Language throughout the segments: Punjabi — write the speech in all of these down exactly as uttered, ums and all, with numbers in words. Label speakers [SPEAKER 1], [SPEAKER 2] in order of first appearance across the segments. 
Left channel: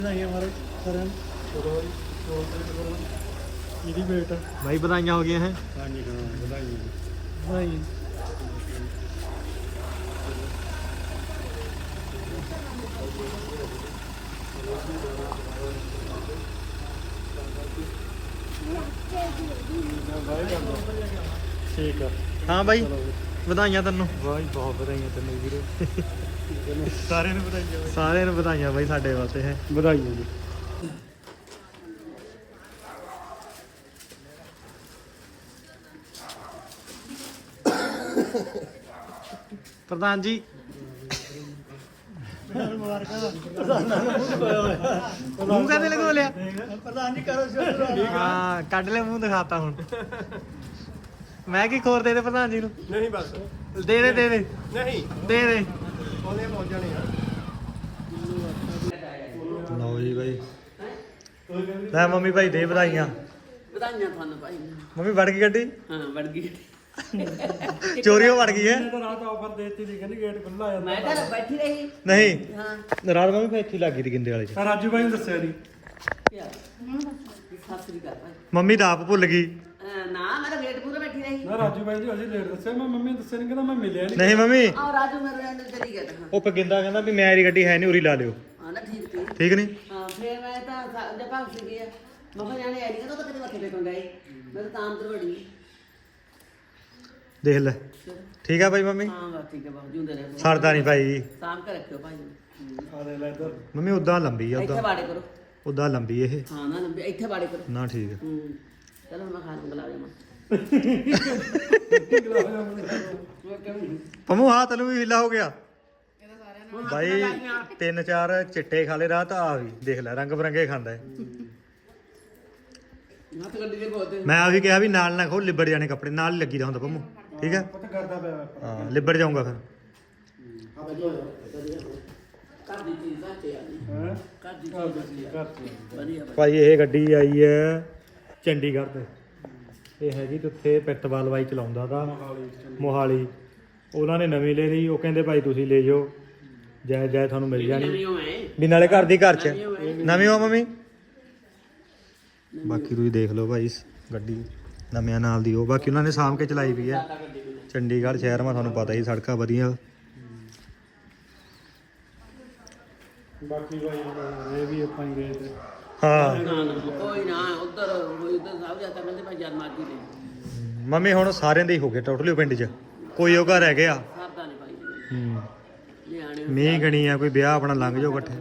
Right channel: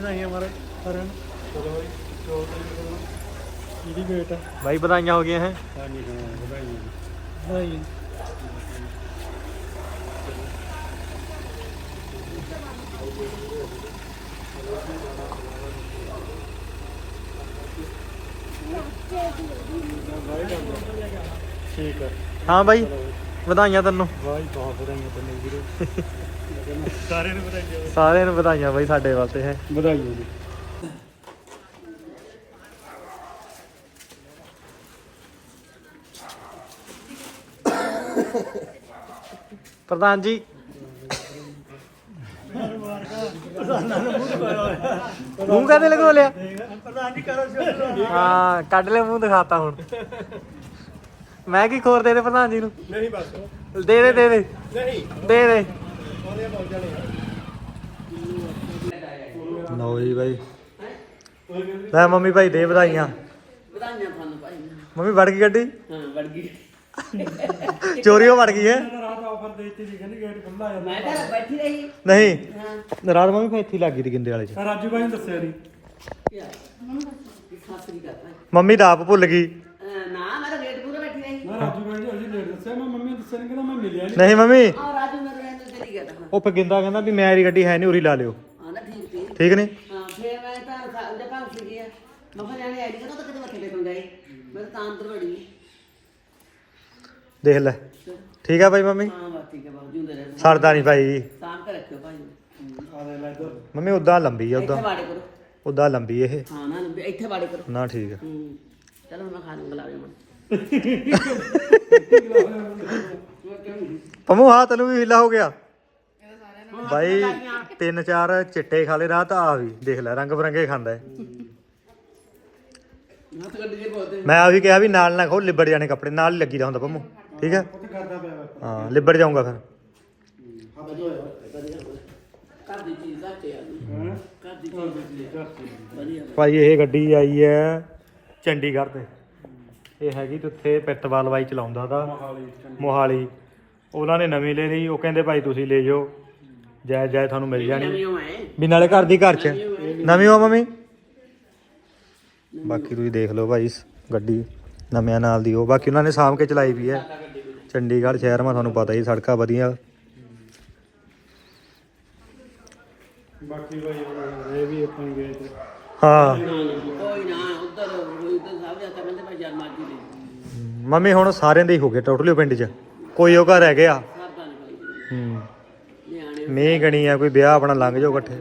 [SPEAKER 1] ਇਹਦੀ ਵੇਟ
[SPEAKER 2] भाई बधाइयां हो गई हैं।
[SPEAKER 1] ਹਾਂਜੀ ਹਾਂ ਵਧਾਈਆਂ ਵਧਾਈਆਂ ਠੀਕ ਹੈ
[SPEAKER 2] हाँ भाई ਵਧਾਈਆਂ ਤੈਨੂੰ।
[SPEAKER 1] ਵਾਹ ਬਹੁਤ ਵਧਾਈਆਂ ਤੈਨੂੰ ਵੀਰੇ ਸਾਰਿਆਂ ਨੂੰ ਵਧਾਈਆਂ
[SPEAKER 2] ਸਾਰਿਆਂ ਨੂੰ ਵਧਾਈਆਂ ਬਾਈ ਸਾਡੇ ਵਾਸਤੇ ਹੈ।
[SPEAKER 1] ਵਧਾਈਆਂ ਜੀ
[SPEAKER 2] प्रधान जी मुंह कहने लगो लिया हाँ कट ले मुंह दिखाता हूँ मैं की खोर दे दे प्रधान जी नू
[SPEAKER 1] ਨਹੀਂ ਬਸ
[SPEAKER 2] दे दे दे दे
[SPEAKER 1] ਨਹੀਂ
[SPEAKER 2] दे दे
[SPEAKER 1] ਉਹਨੇ ਪਹੁੰਚ ਜਾਣੇ
[SPEAKER 2] लो जी भाई ਲੈ ਮੰਮੀ ਭਾਈ ਦੇ ਵਧਾਈਆਂ
[SPEAKER 3] ਵਧਾਈਆਂ ਤੁਹਾਨੂੰ ਭਾਈ
[SPEAKER 2] ਮੰਮੀ ਵੜ ਗਈ ਗੱਡੀ
[SPEAKER 3] ਹਾਂ ਵੜ ਗਈ
[SPEAKER 2] ਚੋਰੀਓ ਵੜ ਗਈ ਹੈ
[SPEAKER 1] ਰਾਤ ਆਫਰ ਦੇਤੀ ਦੀ ਕਹਿੰਦੀ ਗੇਟ ਖੁੱਲਾ ਆ
[SPEAKER 3] ਮੈਂ ਤਾਂ ਬੈਠੀ ਰਹੀ
[SPEAKER 2] ਨਹੀਂ
[SPEAKER 3] ਹਾਂ
[SPEAKER 2] ਰਾਤ ਮੰਮੀ ਫਿਰ ਇੱਥੇ ਹੀ ਲੱਗ ਗਈ ਦੀ ਗਿੰਦੇ ਵਾਲੇ ਚ
[SPEAKER 1] ਰਾਜੂ ਭਾਈ ਨੂੰ ਦੱਸਿਆ ਨਹੀਂ
[SPEAKER 3] ਕੀ ਸਾਸਰੀ ਕਰ ਭਾਈ
[SPEAKER 2] ਮੰਮੀ ਦਾ ਆਪ ਭੁੱਲ ਗਈ
[SPEAKER 3] ਅਹ ਨਾ ਮੈਂ ਤਾਂ ਗੇਟ ਪੂਰਾ ਬੈਠੀ ਰਹੀ
[SPEAKER 1] ਮੈਂ ਰਾਜੂ ਭਾਈ ਜੀ ਅਜੇ ਲੇਟ ਦੱਸਿਆ ਮੈਂ ਮੰਮੀ ਨੂੰ ਦੱਸਿਆ ਨਹੀਂ ਕਹਿੰਦਾ ਮੈਂ ਮਿਲਿਆ ਨਹੀਂ
[SPEAKER 2] ਨਹੀਂ ਮੰਮੀ
[SPEAKER 3] ਆ ਰਾਜੂ ਮੇਰੇ ਅੰਦਰ ਚਲੀ ਗਿਆ ਤਾਂ ਹਾਂ
[SPEAKER 2] ਉਹ ਫਿਰ ਗਿੰਦਾ ਕਹਿੰਦਾ ਵੀ ਮੇਰੀ ਗੱਡੀ ਹੈ ਨਹੀਂ ਉਰੀ ਲਾ ਲਿਓ
[SPEAKER 3] ਹਾਂ ਨਾ ਠੀਕ ਸੀ
[SPEAKER 2] ਠੀਕ ਨਹੀਂ
[SPEAKER 3] ਹਾਂ ਫੇਰ ਮੈਂ ਤਾਂ ਜਦ ਭਾਗ ਸੀ ਗਿਆ ਮੈਂ ਕਿਹਾ ਜਾਣੇ ਆਈ ਨਹੀਂ ਤਾਂ ਕਿਤੇ ਮੱਥੇ ਟੇਕਣ ਗਈ ਮੈਂ ਤਾਂ ਅੰਦਰ ਵੜੀ
[SPEAKER 2] ਦੇਖ ਲੈ
[SPEAKER 3] ਚਲੋ।
[SPEAKER 2] ਠੀਕ ਆ ਭਾਈ ਮੰਮੀ
[SPEAKER 3] ਹਾਂ ਬਸ ਠੀਕ ਹੈ ਬਾਬੂ ਜਿਉਂਦੇ ਰਹਿਣ
[SPEAKER 2] ਸਰਦਾ ਨਹੀਂ ਭਾਈ
[SPEAKER 3] ਸਾਂਭ ਕੇ ਰੱਖਿਓ ਭਾਈ
[SPEAKER 1] ਆ ਦੇ ਲੈ ਇੱਧਰ
[SPEAKER 2] ਮੰਮੀ ਉਦਾਂ ਲੰਬੀ ਆ
[SPEAKER 3] ਇੱਥੇ
[SPEAKER 2] ਉਦਾਂ
[SPEAKER 3] ਬਾੜੇ ਕਰੋ
[SPEAKER 2] ਉਦਾਂ ਲੰਬੀ ਇਹ
[SPEAKER 3] ਹਾਂ ਨਾ ਲੰਬੇ ਇੱਥੇ ਬਾੜੇ ਕਰੋ
[SPEAKER 2] ਨਾ ਠੀਕ ਆ
[SPEAKER 3] ਹੂੰ ਚਲੋ ਮੈਂ ਖਾਣ ਬੁਲਾ ਰਹੀ
[SPEAKER 2] ਪੰਮੂ ਹਾਂ ਤੈਨੂੰ ਵੀ ਹਿੱਲਾ ਹੋ ਗਿਆ ਭਾਈ ਤਿੰਨ ਚਾਰ ਚਿੱਟੇ ਖਾ ਲੇ ਰਾਤ ਆ ਵੀ ਦੇਖ ਲੈ ਰੰਗ ਬਰੰਗੇ ਖਾਂਦਾ ਹੈ
[SPEAKER 3] ਹਾਂ ਤਾਂ ਗੱਡੀ ਦੇ ਬਹੁਤ
[SPEAKER 2] ਮੈਂ ਆ ਵੀ ਕਿਹਾ ਵੀ ਨਾਲ ਨਾ ਖੋ ਲਿਬੜ ਜਾਣੇ ਕੱਪੜੇ ਨਾਲ ਹੀ ਲੱਗੀ ਦਾ ਹੁੰਦਾ ਪੰਮੂ ਠੀਕ ਹੈ
[SPEAKER 1] ਪੁੱਤ ਕਰਦਾ ਪਿਆ ਵਾ।
[SPEAKER 2] ਹਾਂ ਲਿਬੜ ਜਾਊਗਾ ਫਿਰ
[SPEAKER 3] ਘਰ ਦੀ ਚੀਜ਼ ਆ ਤੇ
[SPEAKER 1] ਹੈਂ?
[SPEAKER 3] ਘਰ ਦੀ
[SPEAKER 1] ਘਰ ਦੀ
[SPEAKER 3] ਚੀਜ਼
[SPEAKER 1] ਚੀਜ਼, ਘਰ ਦੀ।
[SPEAKER 3] ਵਧੀਆ
[SPEAKER 2] ਭਾਈ ਇਹ ਗੱਡੀ ਆਈ ਹੈ ਚੰਡੀਗੜ੍ਹ ਤੇ ਇਹ ਹੈਗੀ ਤੇ ਉੱਥੇ ਪਿੱਤਵਾਲ ਬਾਈ ਚਲਾਉਂਦਾ ਦਾ
[SPEAKER 1] ਮੋਹਾਲੀ ਚੰਡੀਗੜ੍ਹ।
[SPEAKER 2] ਮੋਹਾਲੀ ਉਹਨਾਂ ਨੇ ਨਵੀਂ ਲੈ ਲਈ ਉਹ ਕਹਿੰਦੇ ਭਾਈ ਤੁਸੀਂ ਲੈ ਜਾਓ ਜੈ ਜੈ ਤੁਹਾਨੂੰ ਮਿਲ ਜਾਣੀ
[SPEAKER 3] ਨਵੀਂ ਹੋਏ
[SPEAKER 2] ਵੀ ਨਾਲੇ ਘਰ ਦੀ ਘਰ ਚ ਨਵੀਂ ਹੋ ਮੰਮੀ ਬਾਕੀ ਤੁਸੀਂ ਦੇਖ ਲਓ ਭਾਈ ਗੱਡੀ ਨਵਿਆਂ ਨਾਲ ਦੀ ਉਹ ਬਾਕੀ ਉਹਨਾਂ ਨੇ ਸਾਂਭ ਕੇ ਚਲਾਈ ਵੀ ਹੈ ਚੰਡੀਗੜ੍ਹ ਸ਼ਹਿਰ ਮਾ ਤੁਹਾਨੂੰ ਪਤਾ ਹੀ ਸੜਕਾਂ ਵਧੀਆ
[SPEAKER 1] ਬਾਕੀ ਭਾਈ ਇਹ ਵੀ ਆਪਾਂ ਹੀ ਗਏ ਤੇ
[SPEAKER 2] ਹਾਂ
[SPEAKER 3] ਨਾ ਨਾ ਕੋਈ ਨਾ ਉਧਰ ਉਧਰ ਸਭ ਜਾਂਦਾ ਕਹਿੰਦੇ ਭਾਈ ਜਦ ਮਰਜੀ ਲੈ
[SPEAKER 2] ਮੰਮੀ ਹੁਣ ਸਾਰਿਆਂ ਦੇ ਹੀ ਹੋ ਗਏ ਟੋਟਲੀ ਪਿੰਡ 'ਚ ਕੋਈ ਉਹ ਘਰ ਰਹਿ ਗਿਆ
[SPEAKER 3] ਸਭ ਦਾ ਨਹੀਂ ਭਾਈ
[SPEAKER 2] ਹੂੰ
[SPEAKER 3] ਨਿਆਣੇ
[SPEAKER 2] ਮੀਂਹ ਗਣੀ ਆ ਕੋਈ ਵਿਆਹ ਆਪਣਾ ਲੰਘ ਜਾਓ ਇਕੱਠੇ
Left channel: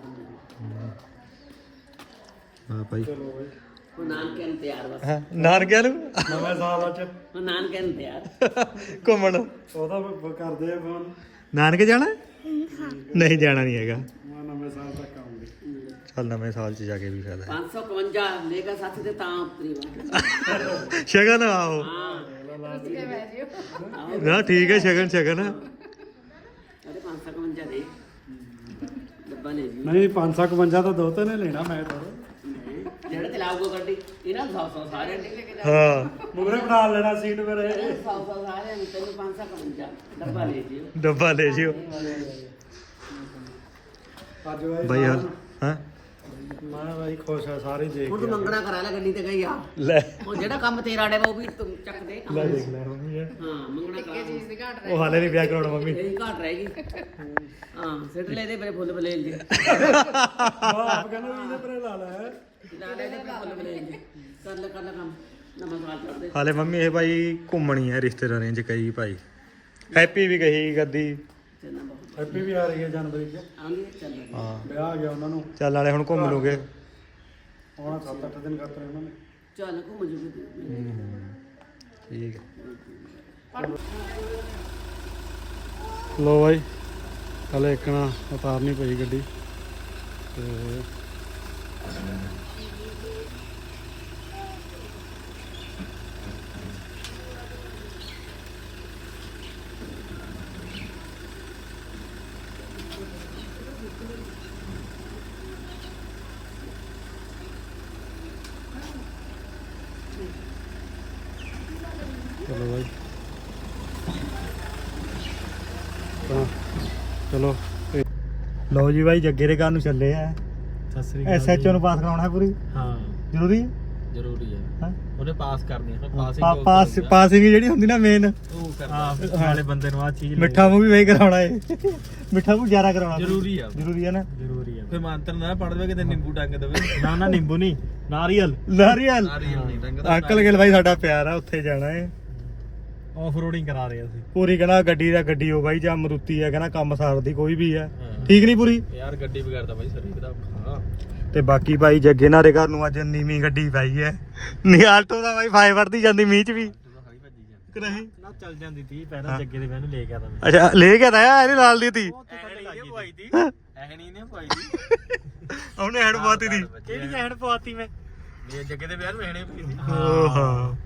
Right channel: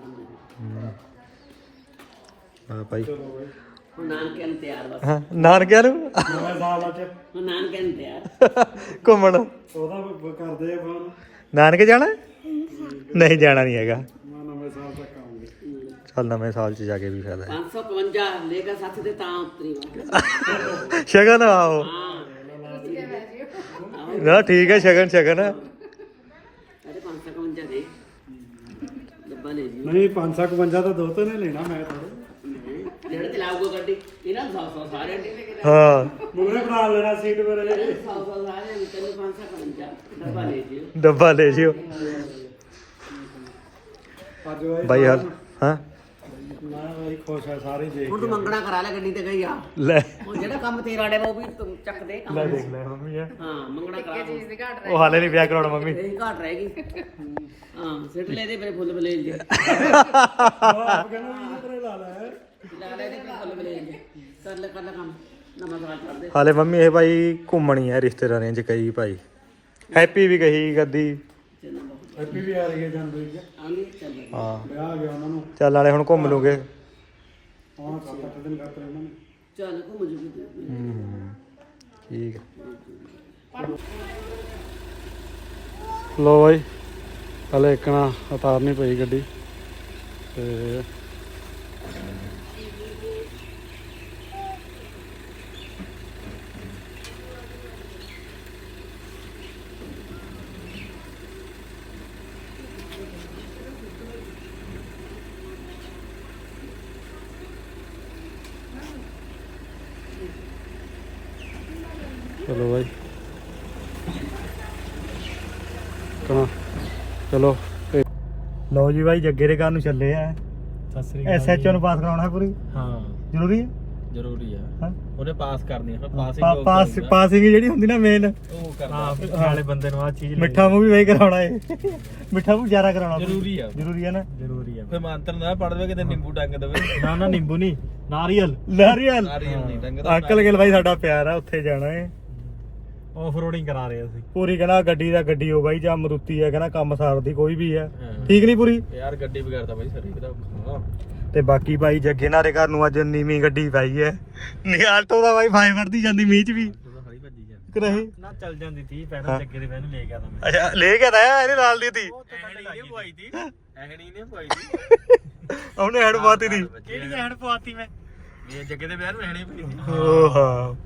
[SPEAKER 2] ਹਾਂ ਭਾਈ
[SPEAKER 1] ਚਲੋ ਭਾਈ
[SPEAKER 3] ਹੁਣ ਨਾਨਕੇ ਨੂੰ ਤਿਆਰ ਬਸ
[SPEAKER 2] ਹਾਂ ਨਾਨਕਿਆਂ ਨੂੰ
[SPEAKER 1] ਨਵੇਂ ਸਾਲ ਚ
[SPEAKER 3] ਹੁਣ ਨਾਨਕੇ ਨੂੰ ਤਿਆਰ
[SPEAKER 2] ਘੁੰਮਣ
[SPEAKER 1] ਉਹਦਾ ਬ- ਕਰਦੇ ਆ ਫੋਨ
[SPEAKER 2] ਨਾਨਕੇ ਜਾਣਾ ਨਹੀਂ ਜਾਣਾ ਨਹੀਂ ਹੈਗਾ
[SPEAKER 1] ਮੈਂ ਨਵੇਂ ਸਾਲ ਤੱਕ ਆਉਂਗੇ
[SPEAKER 2] ਚੱਲ ਨਵੇਂ ਸਾਲ 'ਚ ਜਾ ਕੇ ਵੀ ਫਾਇਦਾ ਹੈ
[SPEAKER 3] ਪੰਜ ਸੌ ਇਕਵੰਜਾ ਲੈ ਕੇ ਸੱਤ ਤੇ ਤਾਂ ਉਤਰੀ ਵਾ
[SPEAKER 2] ਸ਼ਗਨ ਆਓ
[SPEAKER 3] ਹਾਂ
[SPEAKER 2] ਨਾ ਠੀਕ ਹੈ ਸ਼ਗਨ ਸ਼ਗਨ
[SPEAKER 3] ਅਰੇ ਪੰਜ ਸੌ ਇਕਵੰਜਾ ਦੇ ਡੱਬਾ ਲੈ ਜਿਓ
[SPEAKER 1] ਨਹੀਂ ਪੰਜ ਸੌ ਇਕਵੰਜਾ ਤਾਂ ਦੋ ਤੇ ਨੇ ਲੈਣਾ ਮੈਂ ਥੋੜਾ
[SPEAKER 3] ਜਿਹੜਾ ਚਲਾਊਗਾ ਗੱਡੀ ਇਹਨਾਂ ਨੂੰ ਸੌ ਸੌ ਸਾਰਿਆਂ ਨੂੰ
[SPEAKER 2] ਹਾਂ
[SPEAKER 1] ਮੁਗਰੇ ਬਣਾ ਲੈਣਾ ਸੀਟ ਮੇਰੇ
[SPEAKER 3] ਸੌ ਸੌ ਸਾਰਿਆਂ ਨੂੰ ਤੈਨੂੰ ਪੰਜ ਸੌ ਇਕਵੰਜਾ ਡੱਬਾ ਲੈ ਜਿਓ
[SPEAKER 2] ਡੱਬਾ ਲੈ ਜਿਓ
[SPEAKER 1] ਅੱਜ ਭਾਈ
[SPEAKER 2] ਬਾਈ ਹਾਲ ਹਾਂ
[SPEAKER 1] ਮੈਂ ਭਾਈ ਖੁਸ਼ ਆ ਸਾਰੇ ਦੇਖ
[SPEAKER 3] ਹੁਣ ਤੂੰ ਮੰਗਣਾ ਕਰਾ ਲੈ ਗੱਡੀ ਤੇ ਗਈ ਆ
[SPEAKER 2] ਲੈ
[SPEAKER 3] ਉਹ ਜਿਹੜਾ ਕੰਮ ਤੇਰਾ ਡੇ ਉਹ ਵੀ ਤੂੰ ਚੱਕ ਦੇ ਕੰਮ।
[SPEAKER 2] ਲੈ ਦੇਖ ਲੈ ਮੰਮੀ ਯਾਰ
[SPEAKER 3] ਹਾਂ ਮੰਗਣਾ ਕਰਾ ਦੇ
[SPEAKER 2] ਉਹ ਹਾਲੇ ਨਹੀਂ ਵਿਆਹ ਕਰਾਉਣਾ ਮੰਮੀ
[SPEAKER 3] ਇਹ ਘਾਟ ਰਹਿ ਗਈ ਹਾਂ ਸਿੱਟ ਲੈ ਦੇ ਮੇਰੇ ਫੁੱਲ ਬਲੇਲ ਜੇ
[SPEAKER 1] ਆਪ ਕਹਿੰਦਾ ਵੀ ਇਹਦੇ ਤੇ ਲਾ ਲੈ
[SPEAKER 3] ਲਾ ਲੈ ਦੇ ਮੇਰੇ ਫੁੱਲ ਬਲੇਲ ਜੇ ਕਰ ਲੈ ਕਰ ਲੈ ਕੰਮ ਨਵਾਂ ਸਵਾਲ ਕਰ ਦੇ
[SPEAKER 2] ਹਾਲੇ ਮੰਮੀ ਇਹ ਭਾਈ ਘੁੰਮਣੀ ਹੈ ਰਿਸ਼ਤੇਦਾਰਾਂ 'ਚ ਕਈ ਭਾਈ ਹੈਪੀ ਵੀ ਕਹੀ ਗੱਦੀ
[SPEAKER 3] ਚੰਨਾ ਬਹੁਤ
[SPEAKER 1] ਹੈਪੀ ਵੀ ਆ ਰਹੀ ਹੈ ਜਨਵਰੀ ਚ
[SPEAKER 3] ਆਂਦੀ ਚੱਲ ਰਹੀ
[SPEAKER 2] ਹਾਂ
[SPEAKER 1] ਵਿਆਹ ਆ ਗਿਆ ਉਹਨਾਂ ਨੂੰ
[SPEAKER 2] ਚੱਲ ਨਾਲੇ ਹੁਣ ਘੁੰਮ ਲੂਗੇ
[SPEAKER 1] ਹੁਣ ਸੱਤ ਅੱਠ ਦਿਨ ਕਰਤੇ ਉਹਨਾਂ ਨੇ
[SPEAKER 3] ਚੱਲ ਘੁੰਮ ਜੂਗੀ ਤੂੰ
[SPEAKER 2] ਠੀਕ ਹੈ ਲੋ ਬਾਈ ਹਲੇ ਇੱਕ ਨਾ ਉਤਾਰਨੀ ਪਈ ਗੱਡੀ ਤੇ चलो भाई चलो लो जी भाई जग्गे दे घर नूं चले आ
[SPEAKER 1] ਸਤਿ ਸ੍ਰੀ
[SPEAKER 2] ਐਸਐਚਓ ਨੂੰ ਪਾਸ ਕਰਾਉਣਾ ਹੈ ਪੂਰੀ
[SPEAKER 1] ਹਾਂ
[SPEAKER 2] ਜ਼ਰੂਰੀ ਹੈ
[SPEAKER 1] ਜ਼ਰੂਰੀ ਆ
[SPEAKER 2] ਹਾਂ
[SPEAKER 1] ਉਹਨੇ ਪਾਸ ਕਰਨੀ ਹੈ ਪਾਸਿੰਗ
[SPEAKER 2] ਪਾ- ਪਾਸ ਪਾਸਿੰਗ ਜਿਹੜੀ ਹੁੰਦੀ ਨਾ ਮੇਨ
[SPEAKER 1] ਉਹ ਕਰਦਾ ਵਾਲੇ ਬੰਦੇ ਨੂੰ ਆ ਚੀਜ਼
[SPEAKER 2] ਮਿੱਠਾ ਮੂੰਹ ਵੀ ਵਹੀ ਕਰਾਉਣਾ ਹੈ ਮਿੱਠਾ ਮੂੰਹ ਜ਼ਿਆਦਾ ਕਰਾਉਣਾ
[SPEAKER 1] ਜ਼ਰੂਰੀ ਆ
[SPEAKER 2] ਜ਼ਰੂਰੀ ਹੈ ਨਾ
[SPEAKER 1] ਜ਼ਰੂਰੀ ਆ ਫਿਰ ਮੰਤਰ ਨਾ ਪੜ ਦੇਵੇ ਕਿਤੇ ਨਿੰਬੂ ਟੰਗ ਦੇਵੇ
[SPEAKER 4] ਨਾ ਨਾ ਨਿੰਬੂ ਨਹੀਂ ਨਾਰੀਅਲ
[SPEAKER 2] ਨਾਰੀਅਲ
[SPEAKER 1] ਨਾਰੀਅਲ ਨਹੀਂ ਟੰਗਦਾ
[SPEAKER 2] ਅੰਕਲ ਗਿਲ ਬਾਈ ਸਾਡਾ ਪਿਆਰ ਆ ਉੱਥੇ ਜਾਣਾ ਹੈ
[SPEAKER 4] ਆਫ ਰੋਡਿੰਗ ਕਰਾ ਰਹੇ ਅਸੀਂ
[SPEAKER 2] ਪੂਰੀ ਕਹਿੰਦਾ ਗੱਡੀ ਦਾ ਗੱਡੀ ਹੋ ਬਾਈ ਜਾਂ ਮਰੂਤੀ ਹੈ ਕਹਿੰਦਾ ਕੰਮ ਸਾਰਦੀ ਕੋਈ ਵੀ ਹੈ
[SPEAKER 1] ਹਾਂ।
[SPEAKER 2] ਠੀਕ ਨਹੀਂ ਪੂਰੀ
[SPEAKER 1] ਯਾਰ ਗੱਡੀ ਵਗੈਰਦਾ ਬਾਈ ਸਰੀ ਦਾ ਹਾਂ
[SPEAKER 2] ਤੇ ਬਾਕੀ ਭਾਈ ਜੱਗੇ ਨਾਰੇ ਘਰ ਨੂੰ ਅੱਜ ਨੀਵੀਂ ਗੱਡੀ ਪਾਈ ਹੈ ਨੀ ਆਲਟੋ ਦਾ ਬਾਈ ਫਾਇ ਵਰਦੀ ਜਾਂਦੀ ਮੀਂਹ ਚ ਵੀ ਕਿ ਨਹੀਂ
[SPEAKER 4] ਨਾ ਚੱਲ ਜਾਂਦੀ ਸੀ ਪਹਿਲਾਂ ਜੱਗੇ ਦੇ ਵੈਨ ਲੈ ਗਿਆ ਤਾਂ
[SPEAKER 2] ਅੱਛਾ ਲੈ ਕੇ ਆਇਆ ਇਹਨੇ ਨਾਲ ਦੀ ਤੀ
[SPEAKER 1] ਐਹਣੀ ਨੇ ਪਵਾਈ ਤੀ ਐਹਣੀ ਨੇ ਪਵਾਈ ਤੀ
[SPEAKER 2] ਉਹਨੇ ਹੈਡ ਪਾਤੀ ਦੀ
[SPEAKER 4] ਕਿਹੜੀ ਕਹਿਣ ਪਵਾਤੀ ਮੈਂ
[SPEAKER 1] ਇਹ ਜੱਗੇ ਦੇ ਵਿਆਹ ਨੂੰ ਐਹਣੀ ਪਈ
[SPEAKER 2] ਓ ਹਾਂ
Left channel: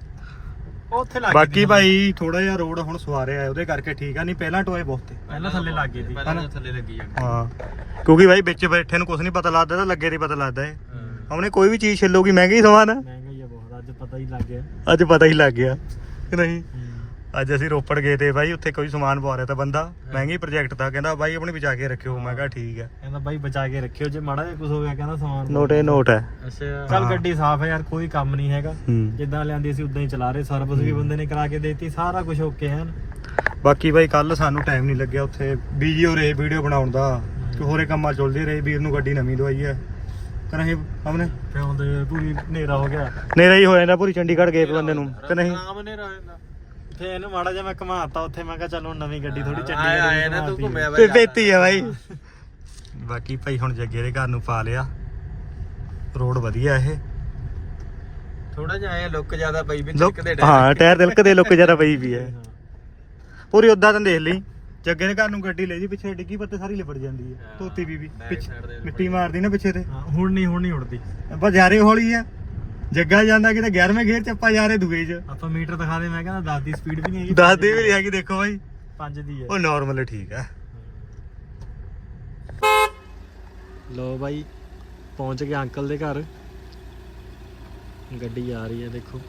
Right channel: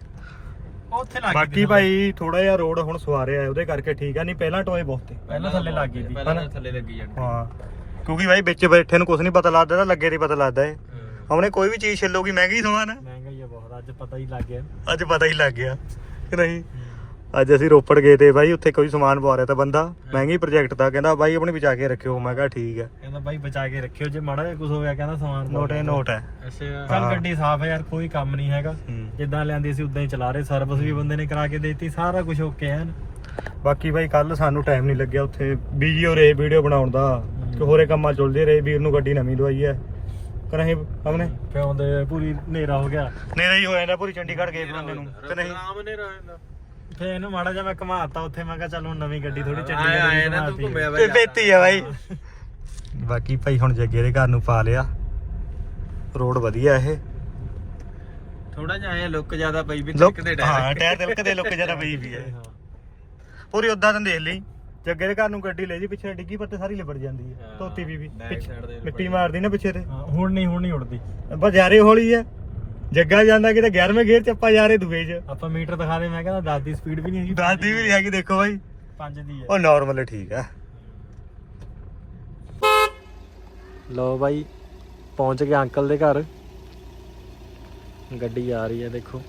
[SPEAKER 4] ਉੱਥੇ ਲੱਗ
[SPEAKER 2] ਬਾਕੀ ਭਾਈ ਥੋੜਾ ਜਿਹਾ ਰੋਡ ਹੁਣ ਸਵਾਰਿਆ ਹੈ ਉਹਦੇ ਕਰਕੇ ਠੀਕ ਆ ਨਹੀਂ ਪਹਿਲਾਂ ਟੋਏ ਬਹੁਤ ਤੇ
[SPEAKER 4] ਪਹਿਲਾਂ ਥੱਲੇ ਲੱਗ ਗਈ ਸੀ
[SPEAKER 1] ਪਹਿਲਾਂ ਥੱਲੇ ਲੱਗੀ ਜਾਂਦੀ
[SPEAKER 2] ਹਾਂ ਕਿਉਂਕਿ ਭਾਈ ਵਿੱਚ ਬੈਠੇ ਨੂੰ ਕੁਝ ਨਹੀਂ ਪਤਾ ਲੱਗਦਾ ਤਾਂ ਲੱਗੇ ਦੀ ਪਤਾ ਲੱਗਦਾ ਏ ਹਮਨੇ ਕੋਈ ਵੀ ਚੀਜ਼ ਛਿੱਲੋਗੀ ਮਹਿੰਗੀ ਸਮਾਨ
[SPEAKER 4] ਮਹਿੰਗਾ ਹੀ ਆ ਬਹੁਤ ਅੱਜ ਪਤਾ ਹੀ ਲੱਗ ਗਿਆ
[SPEAKER 2] ਅੱਜ ਪਤਾ ਹੀ ਲੱਗ ਗਿਆ ਕਿ ਨਹੀਂ ਅੱਜ ਅਸੀਂ ਰੋਪੜ ਗਏ ਤੇ ਬਾਈ ਉੱਥੇ ਕੋਈ ਸਮਾਨ ਪਵਾ ਰਿਹਾ ਤਾਂ ਬੰਦਾ ਮਹਿੰਗੀ ਪ੍ਰੋਜੈਕਟ ਦਾ ਕਹਿੰਦਾ ਬਾਈ ਆਪਣੀ ਬਚਾ ਕੇ ਰੱਖਿਓ ਮੈਂ ਕਿਹਾ ਠੀਕ ਹੈ
[SPEAKER 4] ਕਹਿੰਦਾ ਬਾਈ ਬਚਾ ਕੇ ਰੱਖਿਓ ਜੇ ਮਾੜਾ ਜਿਹਾ ਕੁਝ ਹੋ ਗਿਆ ਕਹਿੰਦਾ ਸਮਾਨ ਪਾ
[SPEAKER 2] ਨੋਟ ਹੈ ਨੋਟ ਹੈ
[SPEAKER 1] ਅੱਛਾ
[SPEAKER 4] ਚੱਲ
[SPEAKER 2] ਹਾਂ।
[SPEAKER 4] ਗੱਡੀ ਸਾਫ਼ ਹੈ ਯਾਰ ਕੋਈ ਕੰਮ ਨਹੀਂ ਹੈਗਾ
[SPEAKER 2] ਹੂੰ।
[SPEAKER 4] ਜਿੱਦਾਂ ਲਿਆਂਦੀ ਸੀ ਉਦਾਂ ਹੀ ਚਲਾ ਰਹੇ ਸਰਵਿਸ ਵੀ ਬੰਦੇ ਨੇ ਕਰਾ ਕੇ ਦੇਤੀ ਸਾਰਾ ਕੁਝ ਓਕੇ ਹੈ
[SPEAKER 2] ਬਾਕੀ ਬਾਈ ਕੱਲ ਸਾਨੂੰ ਟਾਈਮ ਨਹੀਂ ਲੱਗਿਆ ਉੱਥੇ ਬਿਜੀ ਹੋ ਰਹੇ ਵੀਡੀਓ ਬਣਾਉਣ ਦਾ ਕਿ ਹੋਰੇ ਕੰਮਾਂ ਚੱਲਦੇ ਰਹੇ ਵੀਰ ਨੂੰ ਗੱਡੀ ਨਵੀਂ ਦਵਾਈ ਹੈ ਕਰਾਂਗੇ ਹਮਨੇ
[SPEAKER 4] ਕਿਉਂ ਦੇ ਪੂਰੀ ਹਨੇਰਾ ਹੋ ਗਿਆ
[SPEAKER 2] ਨੇਰਾ ਹੀ ਹੋ ਜਾਂਦਾ ਪੂਰੀ ਚੰਡੀਗੜ੍ਹ ਗਏ ਬੰਦੇ ਨੂੰ ਕਿ ਨਹੀਂ
[SPEAKER 1] ਆਮ ਨੇ ਰਹਿੰਦਾ
[SPEAKER 4] ਉੱਥੇ ਇਹਨੂੰ ਮਾੜਾ ਜਿਹਾ ਮੈਂ ਘਮਾਤਾ ਉੱਥੇ ਮੈਂ ਕਿਹਾ ਚੱਲ ਹੁਣ ਨਵੀਂ ਗੱਡੀ ਥੋੜੀ
[SPEAKER 1] ਆਏ
[SPEAKER 4] ਚੰਡੀਗੜ੍ਹ
[SPEAKER 1] ਆਏ
[SPEAKER 4] ਦੀ
[SPEAKER 1] ਨਾ ਤੂੰ
[SPEAKER 4] ਘਮਾਤੀ
[SPEAKER 1] ਘੁੰਮਿਆ
[SPEAKER 2] ਤੇ ਬੇਤੀ ਹੈ ਬਾਈ ਬਾਕੀ ਭਾਈ ਹੁਣ ਜੱਗੇ ਦੇ ਘਰ ਨੂੰ ਪਾ ਲਿਆ ਰੋਡ ਵਧੀਆ ਇਹ
[SPEAKER 1] ਥੋੜਾ ਜਿਹਾ ਆਇਆ ਲੁੱਕ ਜ਼ਿਆਦਾ ਪਈ ਵੀ
[SPEAKER 2] ਲੋਕ
[SPEAKER 1] ਦੇ
[SPEAKER 2] ਹਾਂ ਟਾਇਰ ਤਿਲਕ ਦੇ ਲੁੱਕ ਜਰਾ ਪਈ ਵੀ ਹੈ
[SPEAKER 4] ਹਾਂ।
[SPEAKER 2] ਪੂਰੀ ਉਦਾਂ ਤਾਂ ਦੇਖ ਲਈ ਜੱਗੇ ਦੇ ਘਰ ਨੂੰ ਗੱਡੀ ਲੈ ਜੀ ਪਿੱਛੇ ਡਿੱਗੀ ਪੱਤੇ ਸਾਰੀ ਲਿਬੜ ਜਾਂਦੀ ਹੈ
[SPEAKER 1] ਹਾਂ,
[SPEAKER 2] ਧੋਤੀ ਵੀ ਵੀ
[SPEAKER 1] back
[SPEAKER 2] ਪਿੱਛੇ
[SPEAKER 1] side ਦੇ
[SPEAKER 2] ਮਿੱਟੀ ਮਾਰਦੀ ਨਾ ਪਿੱਛੇ ਤੇ
[SPEAKER 4] ਹਾਂ, ਹੁਣ ਨਹੀਂ ਹੁਣ ਨਹੀਂ ਉੜਦੀ
[SPEAKER 2] ਬਸ ਯਾਰੇ ਹੌਲੀ ਹੈ ਜੱਗਾ ਜਾਂਦਾ ਕਿਤੇ ਗਿਆਰਵੇਂ ਗੇਅਰ ਚ ਆਪਾਂ ਯਾਰੇ ਦੂਏ ਚ
[SPEAKER 4] ਆਪਾਂ ਮੀਟਰ ਦਿਖਾ ਦੇ ਮੈਂ ਕਹਿੰਦਾ ਦਸ ਦੀ ਸਪੀਡ ਵੀ ਨਹੀਂ ਹੈਗੀ
[SPEAKER 2] ਦੱਸਦੀ ਵੀ ਨਹੀਂ ਹੈਗੀ ਦੇਖੋ ਬਾਈ
[SPEAKER 4] ਪੰਜ ਦੀ ਹੈ
[SPEAKER 2] ਉਹ ਨਾਰਮਲ ਠੀਕ ਹੈ
[SPEAKER 4] ਲੋ ਬਾਈ ਪਹੁੰਚ ਗਏ ਅੰਕਲ ਦੇ ਘਰ ਗੱਡੀ ਆ ਰਹੀ ਹੈ ਦੇਖੋ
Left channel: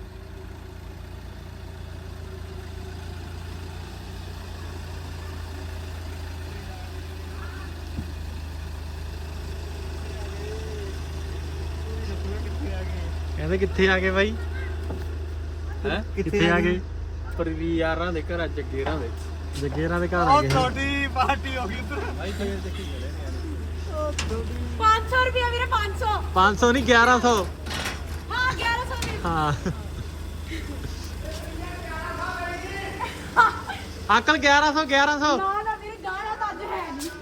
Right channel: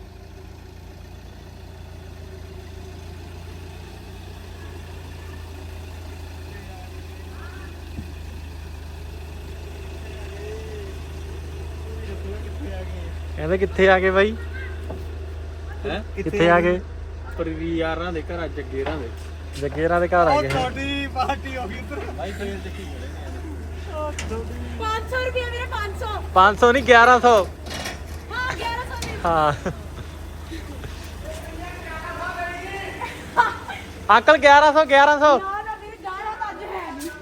[SPEAKER 4] ਕਹਿੰਦੇ ਕਿੱਥੇ ਆ ਗਏ ਬਾਈ
[SPEAKER 1] ਹੈ
[SPEAKER 4] ਕਿੱਥੇ ਆ ਗਏ
[SPEAKER 1] ਪਰਵੀ ਯਾਰਾਂ ਦੇ ਘਰ ਅੱਜ ਗੇਰਾਂ ਦੇ
[SPEAKER 4] ਜੱਗੇਰਾਂ ਦੇ ਘਰ ਆ ਗਏ
[SPEAKER 2] ਤੁਹਾਡੀ ਪਾਰਟੀ ਹੋ ਗਈ ਉਧਰ
[SPEAKER 1] ਭਾਈ ਕਿਵੇਂ ਚੱਕੀ
[SPEAKER 5] पाँच सौ रुपया मेरे पाँच सौ
[SPEAKER 4] ਪੰਜ ਸੌ ਨਹੀਂ ਗਿਆਰਾਂ ਸੌ
[SPEAKER 5] हाँ ग्यारह सौ नहीं
[SPEAKER 4] ਹਾਂ ਅੰਕਲ ਗਿਆਰਾਂ ਸੌ ਗਿਆਰਾਂ ਸੌ
[SPEAKER 5] ना ना मेरे जाना तो आज है नहीं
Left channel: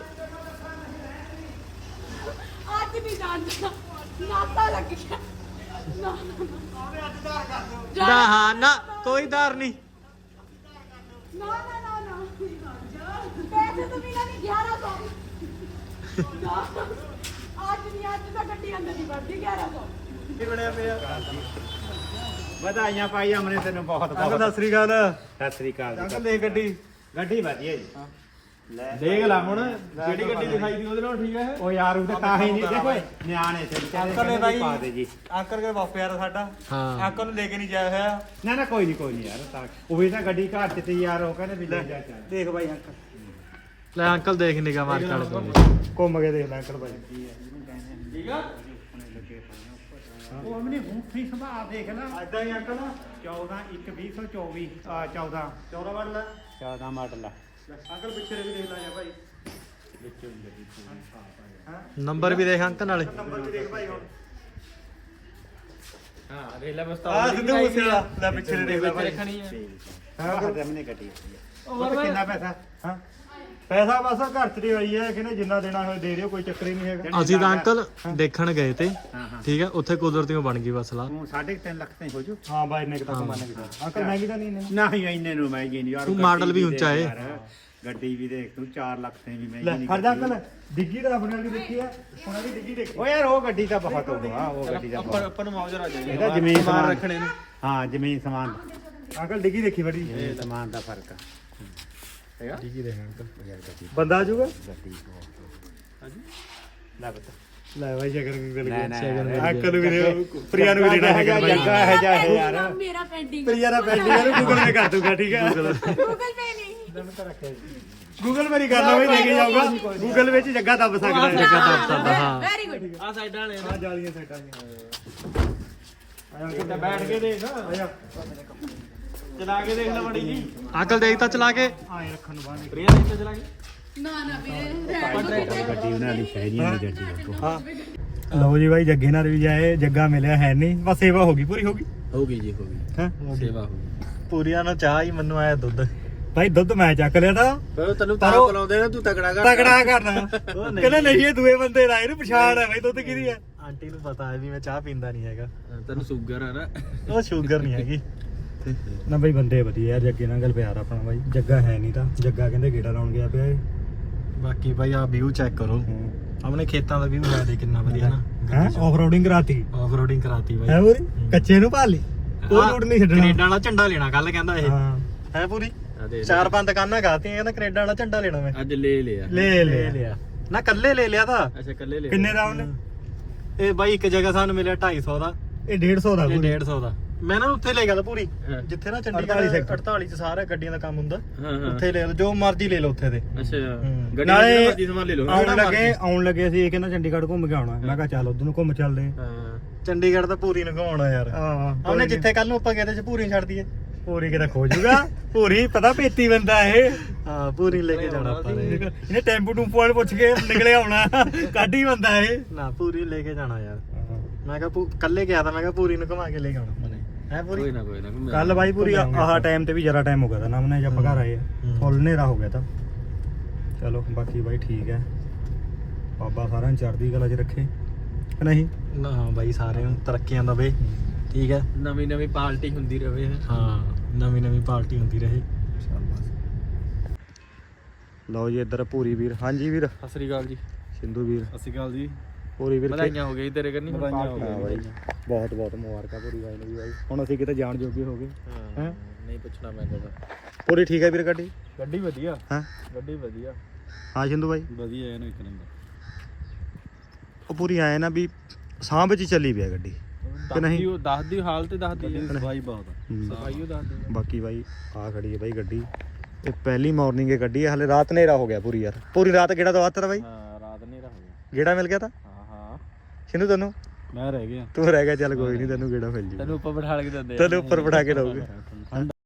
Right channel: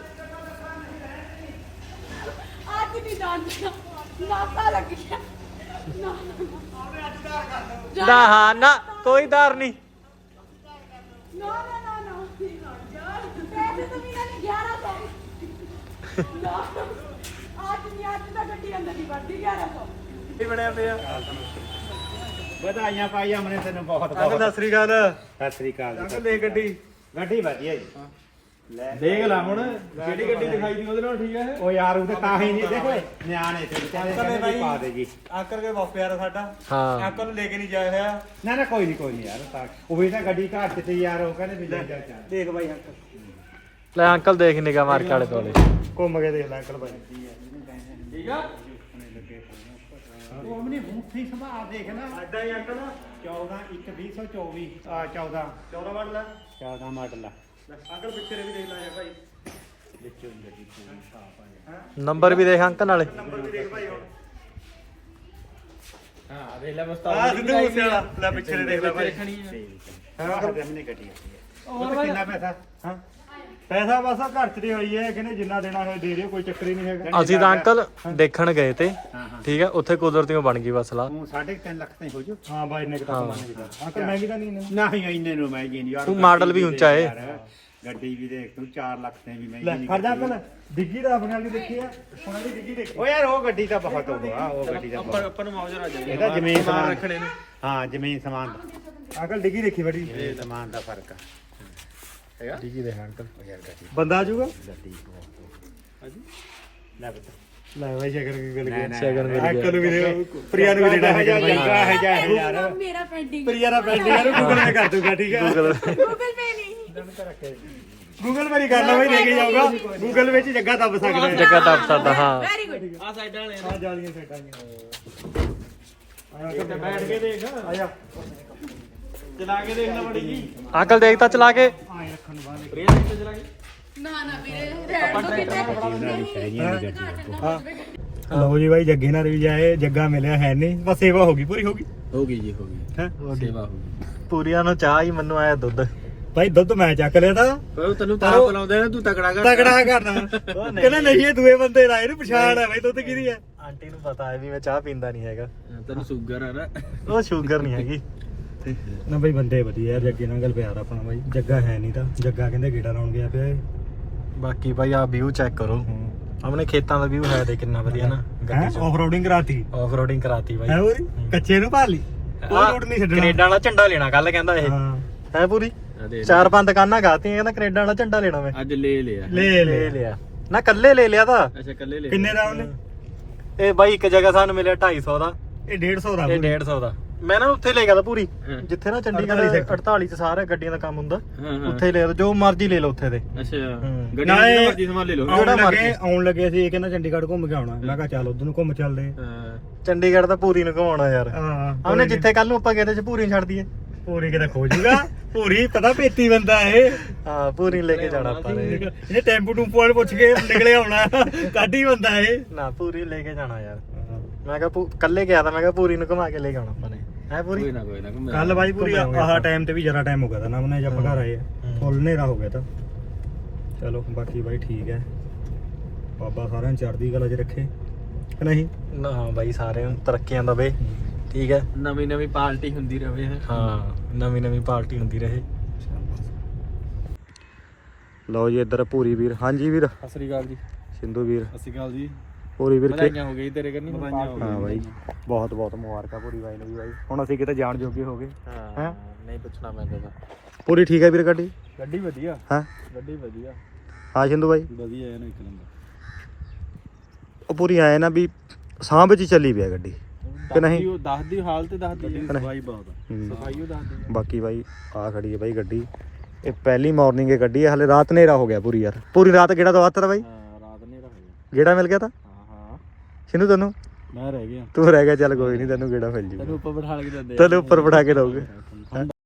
[SPEAKER 5] आज नहीं जानता नाता लग गया ना
[SPEAKER 4] ਨਾ ਹਾਂ ਨਾ ਕੋਈ ਦਾਰ ਨਹੀਂ
[SPEAKER 5] ना ना ना ना पैसे तो मिला नहीं ग्यारह सौ आज नहीं आज तो गड्डी अंदर नहीं बढ़ती ग्यारह सौ
[SPEAKER 6] ਵਧਾਈਆਂ ਪਾਈ ਹਮਨੇ ਤੈਨੂੰ ਬਹੁਤ
[SPEAKER 2] ਅੰਕਲ
[SPEAKER 6] ਬਹੁਤ
[SPEAKER 2] ਸਤਿ ਸ੍ਰੀ ਅਕਾਲ
[SPEAKER 6] ਸਤਿ ਸ੍ਰੀ ਅਕਾਲ ਜੀ
[SPEAKER 2] ਅੰਕਲ ਦੇਖ ਗੱਡੀ
[SPEAKER 6] ਗੱਡੀ ਵਧੀਆ ਜੀ ਲੈ
[SPEAKER 1] ਦੇਖ ਲੈ ਹੁਣ ਜਿਹੜੀ ਗੱਡੀ ਦਿਖਾਈ ਦੀ ਉਹਦੇ ਨਾਲ ਠੀਕ ਹੈ
[SPEAKER 6] ਉਹ ਯਾਰ ਉਹ ਤਾਂ ਤਾਂ ਹੀ ਨਹੀਂ ਦੇਖੋ ਨਿਆਣੇ ਤੇ ਵਿਚਾਰੇ
[SPEAKER 2] ਅੰਕਲ ਨੇ
[SPEAKER 6] ਕਹਿੰਦੇ ਵੀ
[SPEAKER 2] ਬਾਈ
[SPEAKER 6] ਪਾ ਦੇ ਜੀ
[SPEAKER 2] ਅੰਕਲ ਕੇ ਬਹੁਤ ਪਿਆਰ ਆ ਸਾਡਾ
[SPEAKER 4] ਹਾਂ
[SPEAKER 2] ਅੰਕਲ ਨੂੰ ਲੈ ਕੇ ਨਹੀਂ ਜਾਇਆ ਹੋਇਆ
[SPEAKER 6] ਨਾ ਨਾ ਕੋਈ ਨਹੀਂ ਕੋਈ ਨਹੀਂ ਯਾਰ ਤਾਂ ਉਹ ਵੀ ਤਾਂ ਗੱਡੀ ਘਰ ਚ ਤੇ ਯਾਰ ਉਹ ਕਹਿੰਦੇ ਵੀ ਲੈ ਜਾ ਚੱਲ
[SPEAKER 2] ਦੇਖ ਬਾਈ ਅੰਕਲ
[SPEAKER 4] ਲੈ ਅੰਕਲ ਦੇਖ ਨਿਗਾ ਮਾਰ ਕੇ ਆਲੇ ਦੋਲੇ
[SPEAKER 2] ਘੁੰਮ ਕੇ ਦੇਖ ਲੈ ਅੰਕਲ ਬਾਈ
[SPEAKER 1] ਠੀਕ ਆ
[SPEAKER 6] ਉਹ ਅਮਨੀ ਹੁਣ ਸਹੀ ਸੁਭਾਅ ਦੇਖ ਲੈ
[SPEAKER 2] ਅੱਡਾ ਹੀ ਅੰਕਲ
[SPEAKER 6] ਚੌਦਾਂ ਇੱਕ ਵੀਹ ਸੌ ਚੌਵੀ ਆ ਚੌਦਾਂ
[SPEAKER 2] ਚੌਦਾਂ ਮਾਡਲ ਆ
[SPEAKER 6] ਚੌਦਾਂ ਮਾਡਲ ਆ
[SPEAKER 2] ਅੰਕਲ ਪਿੱਛੇ ਵੀ ਦੇਖ ਲਾਂਗੇ ਭਾਈ
[SPEAKER 6] ਵਿੱਚੋਂ ਹੀ ਗੱਡੀ ਪੂਰੀ ਸਾਫ ਆ
[SPEAKER 4] ਨੰਬਰ ਵੀ ਦੇਖ ਅੰਕਲ ਨਾਲੇ
[SPEAKER 2] ਨੰਬਰ ਵੀ ਦੇਖ ਭਾਈ ਹੁਣ
[SPEAKER 1] ਹਾਂ ਦੇਖ ਲੈ
[SPEAKER 2] ਆ
[SPEAKER 1] ਮਸਤਾਵ
[SPEAKER 2] ਸਿੱਧੂ ਮੂਸੇ ਵਾਲਾ ਲੈ ਪਿੱਛੇ ਦੇ ਦੇਖ ਲੈ ਭਾਈ
[SPEAKER 1] ਦੇਖਣੀ ਹੈ
[SPEAKER 6] ਹਾਂ ਕਰ ਦੇ ਗੱਡੀ
[SPEAKER 2] ਉਹ ਕਿੰਨਾ ਪੈਸਾ ਹਾਂ ਪੈਸਾ ਬਸ ਘਰ ਚ ਦੀ ਹੋਈ ਹੈ ਕਿਨੇ ਜਿੰਨਾ ਦੇਣਾ ਹੋਏ ਦੇ ਦਿਓ ਕੋਈ ਚੱਕਰ ਹੀ ਨਹੀਂ ਹੈਗਾ
[SPEAKER 4] ਅਸੀਂ ਤਾਂ ਅੰਕਲ ਦੇਖਣ ਗਏ ਤੇ
[SPEAKER 6] ਹਾਂ ਹਾਂ
[SPEAKER 4] ਠੀਕ ਹੈ ਉੱਥੇ ਕੁਦਰਤੀਓ ਬਣ ਗਈ ਬਸ ਲਾ
[SPEAKER 6] ਤੂੰ ਸਾਢੇ ਕੁ ਤਿੰਨ ਲੱਖ ਤੇ ਹੋ ਜੂ
[SPEAKER 2] ਹਾਂ ਬਾਈ ਨੇ ਕਿਤਾ ਮੰਨ ਗਿਆ ਅੰਕਲ ਮਹਿੰਗੀ ਤਾਂ ਨਹੀਂ ਨੇ
[SPEAKER 6] ਨਹੀਂ ਇੰਨੇ ਨੂੰ ਮਹਿੰਗੀ ਨਹੀਂ ਯਾਰ
[SPEAKER 4] ਤੂੰ
[SPEAKER 6] ਗੱਡੀ
[SPEAKER 4] ਮਾਡਲ ਵੀ
[SPEAKER 6] ਦੇਖ
[SPEAKER 4] ਉੱਚਾ ਏ।
[SPEAKER 6] ਯਾਰ, ਗੱਡੀ ਵੀ ਦੇਖ ਤੂੰ ਚਾਰ ਲੱਖ ਤੇ ਵੀ ਮਹਿੰਗੀ
[SPEAKER 2] ਲੈ
[SPEAKER 6] ਨਹੀਂ
[SPEAKER 2] ਫੜ ਜਾ ਅੰਕਲ ਡਿੱਗੀ ਤਾਂ ਆਪਣੇ ਵਾਲੀ ਦੇਖੀ ਆ ਉਹਨਾਂ ਦੀ ਡਿੱਗੀ ਦੇਖੀ
[SPEAKER 6] ਉਹ ਯਾਰ ਉਹ ਗੱਡੀ ਤਾਂ ਬਹੁਤ ਹੋਊਗਾ ਉਹ ਗੱਡੀ ਦਾ
[SPEAKER 1] ਆਪਾਂ
[SPEAKER 6] ਬਹੁਤ
[SPEAKER 1] ਆਪਾਂ ਨੂੰ ਮਾਉਜਰਾ ਦੇ
[SPEAKER 6] ਇਹਦਾ ਜ਼ਮੀਨ ਸਮਾਨ
[SPEAKER 1] ਰੱਖਣੇ ਨੇ
[SPEAKER 6] ਹਾਂ ਜ਼ਮੀਨ ਸਮਾਨ
[SPEAKER 2] ਅੰਕਲ ਡਿੱਗੀ ਦੇਖੀ ਬੜੀ
[SPEAKER 6] ਜ਼ਮੀਨ ਸਮਾਨ ਦਾ ਫਰਕ ਆ
[SPEAKER 4] ਡਿੱਗੀ ਦੇਖ ਅੰਕਲ
[SPEAKER 6] ਯਾਰ ਗੱਡੀ
[SPEAKER 2] ਬੰਦਾ ਆ ਜਾਊਗਾ
[SPEAKER 6] ਗੱਡੀ ਬਹੁਤ ਲੈ ਬਤਾ
[SPEAKER 2] ਲੈ ਬਾਈ ਸ਼ਕਰ ਕੀ ਗੱਲ
[SPEAKER 6] ਨਹੀਂ, ਨਹੀਂ,
[SPEAKER 2] ਸ਼ਕਰ
[SPEAKER 4] ਨਹੀਂ,
[SPEAKER 2] ਅੰਕਲ ਨੂੰ ਵੀ ਦੇ ਪ੍ਰਿਆ ਨੂੰ ਵੀ ਦੇਣਾ ਹੈਗਾ ਬਾਈ
[SPEAKER 6] ਜੱਗਾ ਹੈ ਜਾ ਇਹ ਯਾਰ
[SPEAKER 5] मेरा पेंडिंग
[SPEAKER 2] ਪ੍ਰਿਆ ਦਾ ਪੈਸੇ ਇਹਨੂੰ ਗੂਗਲ ਪੇ ਕਰ ਦੂੰਗਾ ਠੀਕ ਹੈ
[SPEAKER 5] गूगल पे नहीं
[SPEAKER 2] ਗੂਗਲ ਮੇਰੀ ਕਰਨਾ ਬਈ ਲੈ ਕੇ ਜਾਊਗਾ ਗੂਗਲ ਵਿੱਚ ਜੱਗਾ ਦੱਬ ਸਕਦਾ ਹੈ
[SPEAKER 4] ਜੱਗਾ ਦੱਬ ਸਕਦਾ ਹਾਂ
[SPEAKER 5] ਵੈਰੀ ਗੁੱਡ
[SPEAKER 1] ਆ ਸਾਈਡਾਂ ਵਾਲੇ
[SPEAKER 2] ਆ ਜਾਲੀਆਂ ਸਾਈਡਾਂ ਦੀਆਂ ਆਇਆ ਕਿਤੇ
[SPEAKER 1] ਬੈਠ ਕੇ ਦੇਖ
[SPEAKER 2] ਆਇਆ
[SPEAKER 1] ਚਲਾ ਕੇ ਦੇਖ ਲੈ ਬੜੀ ਜੀ
[SPEAKER 4] ਅੰਕਲ ਦੇਖ ਤਾਂ ਚਲਾ ਕੇ
[SPEAKER 2] ਆਏ ਰੱਖਣ ਨੂੰ ਬਾਹਰ
[SPEAKER 1] ਰੇਸ ਤੇ ਚਲਾ ਕੇ
[SPEAKER 5] ਨਾ ਨਾ ਵੀਰੇ
[SPEAKER 6] ਗੱਡੀ ਬਣਾ ਲਈ ਸ਼ਾਇਰੀਆਂ ਦੀ ਗੱਡੀ
[SPEAKER 2] ਹਾਂ ਲਓ ਜੀ ਬਾਈ ਜੱਗੇ ਨਾਲ ਵੀ ਜਾਏ ਜੱਗਾ ਮਿਲਿਆ ਹੈ ਨਹੀਂ ਬਸ ਸੇਵਾ ਹੋ ਗਈ ਪੂਰੀ ਹੋ ਗਈ
[SPEAKER 1] ਹੋ ਗਈ ਜੀ ਹੋ ਗਈ
[SPEAKER 2] ਹੈ
[SPEAKER 1] ਸੇਵਾ ਹੋ ਗਈ
[SPEAKER 4] ਪੂਰੀਆਂ ਨੂੰ ਚਾਹ ਹੀ ਮੈਨੂੰ ਆਇਆ ਦੁੱਧ
[SPEAKER 2] ਭਾਈ ਦੁੱਧ ਮੈਂ ਚੱਕ ਲਿਆ ਤਾਂ
[SPEAKER 1] ਪਰ ਤੈਨੂੰ ਤਾਂ
[SPEAKER 2] ਪਰ ਉਹ-
[SPEAKER 1] ਬੁਲਾਉਂਦੇ ਨੇ ਤੂੰ ਤਕੜਾ ਕਰ
[SPEAKER 2] ਤਗੜਾ ਕਰਨਾ ਕਹਿੰਦਾ ਨਹੀਂ ਇਹ ਦੂਏ ਬੰਦੇ ਦਾ ਇਹਨੂੰ ਪਛਾਣ ਹੈ ਬਾਈ ਦੁੱਧ ਕਿਹਦੀ ਹੈ
[SPEAKER 4] ਆਂਟੀ ਨੂੰ ਪਤਾ ਹੈ ਵੀ ਮੈਂ ਚਾਹ ਪੀਂਦਾ ਨਹੀਂ ਹੈਗਾ
[SPEAKER 1] ਤੈਨੂੰ ਸ਼ੂਗਰ ਆ ਨਾ
[SPEAKER 4] ਉਹ ਸ਼ੂਗਰ ਨਹੀਂ ਹੈਗੀ
[SPEAKER 2] ਨਾ ਬਾਈ ਬੰਦੇ ਵਧੀਆ ਯਾਰ ਜੱਗੇ ਨਾਲ ਗੱਲ ਪਿਆਰ ਆਪਣਾ ਬਾਈ ਜੱਗਾ ਹੈ ਨਹੀਂ ਤਾਂ ਜੱਗਾ ਕਹਿੰਦੇ ਗੇੜਾ ਲਾਉਣ ਗਿਆ ਪਿਆ ਇਹ।
[SPEAKER 4] ਬਾਕੀ ਭਾਈ ਆ ਵਿਊ ਚੈੱਕ ਕਰੋ ਆਪਣੇ ਖੇਤਾਂ ਦਾ ਵਿਊ ਹੈ ਦੇ ਕਿੰਨਾ ਵਧੀਆ ਨਾ
[SPEAKER 2] ਹੈਂ
[SPEAKER 4] ਗੱਡੀ ਚ
[SPEAKER 2] ਆਫ ਰੋਡਿੰਗ ਕਰਾਤੀ
[SPEAKER 4] ਆਫ ਰੋਡਿੰਗ ਕਰਾਤੀ ਬਾਈ
[SPEAKER 2] ਹੈ ਪੂਰੀ ਕੱਚੇ ਨੂੰ ਭਾਲੀ ਕੋਈ
[SPEAKER 4] ਆਹ
[SPEAKER 2] ਰੂਟ ਨਹੀਂ ਛੱਡਣਾ
[SPEAKER 4] ਕੈਨੇਡਾ ਵਾਲਾ ਝੰਡਾ ਲੈਣਾ ਕੱਲ ਕਹਿੰਦਾ ਇਹ
[SPEAKER 2] ਹਾਂ
[SPEAKER 4] ਹੈ ਪੂਰੀ ਚਾਰ ਪੰਜ ਦੁਕਾਨਾਂ ਗਾਤੀਆਂ ਕਹਿੰਦਾ ਕੈਨੇਡਾ ਵਾਲਾ ਝੰਡਾ ਲੈਣਾ ਮੈਂ
[SPEAKER 1] ਅੱਜ ਲੈ ਲਿਆ
[SPEAKER 2] ਲੈ
[SPEAKER 4] ਲੈ
[SPEAKER 2] ਲੈ
[SPEAKER 4] ਲਿਆ ਨਾ ਕੱਲੇ ਲੈ ਲਿਆ ਤਾਂ
[SPEAKER 1] ਅੱਛਾ ਕੱਲੇ ਲੈ
[SPEAKER 2] ਕਿੰਨੇ ਦਾ ਉਹਨੇ
[SPEAKER 4] ਇਹ ਬਾਈ ਇੱਕ ਜਗ੍ਹਾ ਸਾਨੂੰ ਮਿਲਿਆ ਢਾਈ ਸੌ ਦਾ
[SPEAKER 2] ਇਹ ਡੇਢ ਸੌ ਦਾ
[SPEAKER 4] ਇਹ ਡੇਢ ਸੌ ਦਾ ਮੈਂ ਨਾ ਉੱਥੇ ਲੈ ਗਿਆ ਤਾਂ ਪੂਰੀ
[SPEAKER 1] ਹਾਂ।
[SPEAKER 4] ਜਿੱਥੇ ਨਾ
[SPEAKER 2] ਅੜਤਾਲੀ
[SPEAKER 4] ਚੰਡੀਗੜ੍ਹ
[SPEAKER 2] sector।
[SPEAKER 4] ਅੜਤਾਲੀ ਚ ਸਾਰੇ ਗੱਡੀਆਂ ਦਾ ਕੰਮ ਹੁੰਦਾ
[SPEAKER 1] ਹਾਂ ਹਾਂ
[SPEAKER 4] ਉੱਥੇ ਲੈ ਲਓ ਜੋ ਮਰਜ਼ੀ ਲੈ ਲਓ ਉੱਥੇ ਦੇ
[SPEAKER 1] ਅੱਛਾ
[SPEAKER 4] ਹੂੰ।
[SPEAKER 1] ਗੱਡੀ
[SPEAKER 2] ਨਾਲੇ
[SPEAKER 1] ਦੀ ਮਰਜ਼ੀ ਸੰਭਾਲ ਲਓ
[SPEAKER 2] ਆਉਣ
[SPEAKER 4] ਜਿਹੜਾ
[SPEAKER 2] ਲੱਗੇ
[SPEAKER 4] ਮਰਜ਼ੀ।
[SPEAKER 2] ਆਉਣ ਲੱਗੇ ਸੀ ਇਹ ਕਹਿੰਦਾ ਚੰਡੀਗੜ੍ਹ ਘੁੰਮ ਕੇ ਆਉਣਾ ਮੈਂ ਕਿਹਾ ਚੱਲ ਉਧਰ ਨੂੰ ਘੁੰਮ ਚੱਲਦੇ
[SPEAKER 1] ਹਾਂ
[SPEAKER 4] ਚੰਡੀਗੜ੍ਹ ਤਾਂ ਪੂਰੀ ਨੂੰ ਘੁਮਾਉਣਾ ਯਾਰ
[SPEAKER 2] ਹਾਂ ਹਾਂ
[SPEAKER 4] ਉਹਨੇ ਜਿੱਥੇ ਕੱਲ ਨੂੰ ਆਪਾਂ ਗਏ ਤੇ ਚ ਪੂਰੀ ਛੱਡ ਦਈਏ
[SPEAKER 2] ਪੂਰੀ ਕਿਤੇ ਖੋ ਜੂਗਾ ਪੂਰੀ ਪਤਾ ਪੇਤੀ ਬੰਦਾ ਇਹ
[SPEAKER 4] ਹਾਂ ਪੂਰੀ ਲੈ ਕੇ ਜਾਣਾ ਆਪਾਂ ਨੇ
[SPEAKER 2] ਇਹਨੇ ਟੈਂਪੂ ਟੂਪੂ ਵਾਲੇ ਪੁੱਛ ਕੇ ਨਿਕਲੇ ਆਉਣਾ ਕਾਢੀ ਬੰਦਾ ਇਹ
[SPEAKER 4] ਨਾ ਪੂਰੀ ਲੈ ਕੇ ਜਾਣਾ ਯਾਰ ਮੈਂ ਕਿਹਾ ਪੂ- ਕੱਲੇ ਗਿਆ ਤਾਂ ਮੈਂ ਕਿਹਾ ਪੂਰੀ ਨੂੰ ਘੁਮਾ ਕੇ ਲੈ ਕੇ ਆਉਣਾ ਆਪਾਂ ਨੇ ਹੈ ਪੂਰੀ
[SPEAKER 1] ਕੋਈ ਨਾ ਕੋਈ ਨਾ ਘੁੰਮੇ
[SPEAKER 2] ਕੱਲ ਬਾਈ ਪੂਰੀ ਆਹ ਟਾਈਮ ਤੇ ਵੀ ਜਰਾ ਟਾਈਮ ਹੋ ਗਿਆ ਤਾਂ ਨਾ ਮਨੇ ਜਦ ਆਪਾਂ ਘਰ ਆਏ ਆ ਫੁੱਲ ਹਨੇਰਾ ਹੋ ਗਿਆ ਤਾਂ ਚਲੋ ਬਾਕੀ ਬਾਈ ਠੀਕ ਹੈ ਬਾਬਾ ਸਾਰਿਆਂ ਨੂੰ ਚੜ੍ਹਦੀ ਕਲਾ 'ਚ ਰੱਖੇ ਕਿ ਨਹੀਂ
[SPEAKER 4] ਨਾ ਬਾਈ ਸਾਰਿਆਂ ਨੂੰ ਤਰੱਕੀਆਂ ਦਵੇ ਠੀਕ ਹੈ
[SPEAKER 1] ਨਵੀਂ ਨਵੀਂ ਪਾਰਟੀ ਹੁੰਦੀ ਰਵੇ
[SPEAKER 4] ਹਾਂ ਨਵੀਂ ਨਵੀਂ ਪਾਰਟੀ ਹੁੰਦੀ ਰਹੇ
[SPEAKER 2] ਲਓ ਜੀ ਇੱਧਰ ਪੂਰੀ ਵੀਰ ਹਾਂਜੀ ਵੀਰ
[SPEAKER 1] ਸਤਿ ਸ੍ਰੀ ਅਕਾਲ ਜੀ
[SPEAKER 2] ਸਿੰਧੂ ਵੀਰ
[SPEAKER 1] ਸਤਿ ਸ੍ਰੀ ਅਕਾਲ ਜੀ
[SPEAKER 2] ਪੂਰੀ ਵੀਰ
[SPEAKER 1] ਵਧਾਈਆਂ ਹੋ ਗਈ ਤੇਰੇ ਕਰਨੀ ਹੁਣ ਪਾਰਟੀ
[SPEAKER 2] ਹਾਂ ਬਾਈ, ਬਹੁਤ ਬਹੁਤ ਮੁਬਾਰਕਾਂ ਪੂਰੀ ਬਾਈ ਨੂੰ ਵੀ ਬਾਈ ਹੁਣ ਅਸੀਂ ਕਿਤੇ ਜਾਣ ਜੋਗੇ ਹੋ ਗਏ
[SPEAKER 1] ਹਾਂ ਨਹੀਂ ਪੁੱਛਣਾ ਮੈਂ ਕਦੋਂ
[SPEAKER 2] ਪੂਰੀ ਠੀਕ ਹੈ ਵੀਰ ਗੱਡੀ
[SPEAKER 1] ਗੱਡੀ ਵਧੀਆ
[SPEAKER 2] ਹਾਂ
[SPEAKER 1] ਗੱਡੀ ਵਧੀਆ
[SPEAKER 2] ਹਾਂ ਸਿੰਧੂ ਬਾਈ
[SPEAKER 1] ਵਧੀਆ ਹੈ ਨਾ ਇੱਕ ਨੰਬਰ
[SPEAKER 2] ਉਹ ਪੂਰੀ ਆਏ ਨਾ ਵੀ ਸਾਹ ਵਿੱਚ ਹੀ ਚੱਲੀ ਪਿਆ ਗੱਡੀ ਕਿ ਨਹੀਂ
[SPEAKER 1] ਉਹ ਦੱਸ ਦੀ ਹਾਲਤ ਦੱਸ ਦੀ
[SPEAKER 2] ਸਫਾਈ
[SPEAKER 1] ਬਹੁਤ
[SPEAKER 2] ਹੂੰ।
[SPEAKER 1] ਸਫਾਈ ਉਹ ਦੱਸ ਦੀ
[SPEAKER 2] ਬਾਕੀ ਬਾਈ ਆ ਖੜੀ ਹੈ ਬਾਈ ਗੱਡੀ ਇਹ ਪਹਿਲੀ ਮਾਰਨਿੰਗ ਇਹ ਗੱਡੀ ਹੈ ਹਲੇ ਰਾਤ ਹਨੇਰਾ ਹੋ ਗਿਆ ਪੂਰੀ ਯਾਰ ਪੂਰੀ ਰਾਤ ਗੇੜਾ ਤੋਂ ਆਤਰ ਬਾਈ
[SPEAKER 1] ਹਾਂ ਰਾਤ ਹਨੇਰਾ ਹੋ ਗਿਆ
[SPEAKER 2] ਗੇੜਾ ਮਿਲ ਗਿਆ ਤਾਂ
[SPEAKER 1] ਹਾਂ ਹਾਂ
[SPEAKER 2] ਸਿੰਧੂ ਤੈਨੂੰ
[SPEAKER 1] ਮੈਂ ਰਹਿ ਗਿਆ
[SPEAKER 2] ਤੂੰ ਰਹਿ ਗਿਆ ਚੱਲ ਕੋਈ ਨਹੀਂ ਤੈਨੂੰ ਗੇੜਾ ਮਿਲ ਜੂ
[SPEAKER 1] ਤੈਨੂੰ ਉੱਪਰ ਬਿਠਾ ਕੇ ਦਿੰਦੇ
[SPEAKER 2] ਤੈਨੂੰ ਉੱਪਰ ਬਿਠਾ ਕੇ ਦਊਗੇ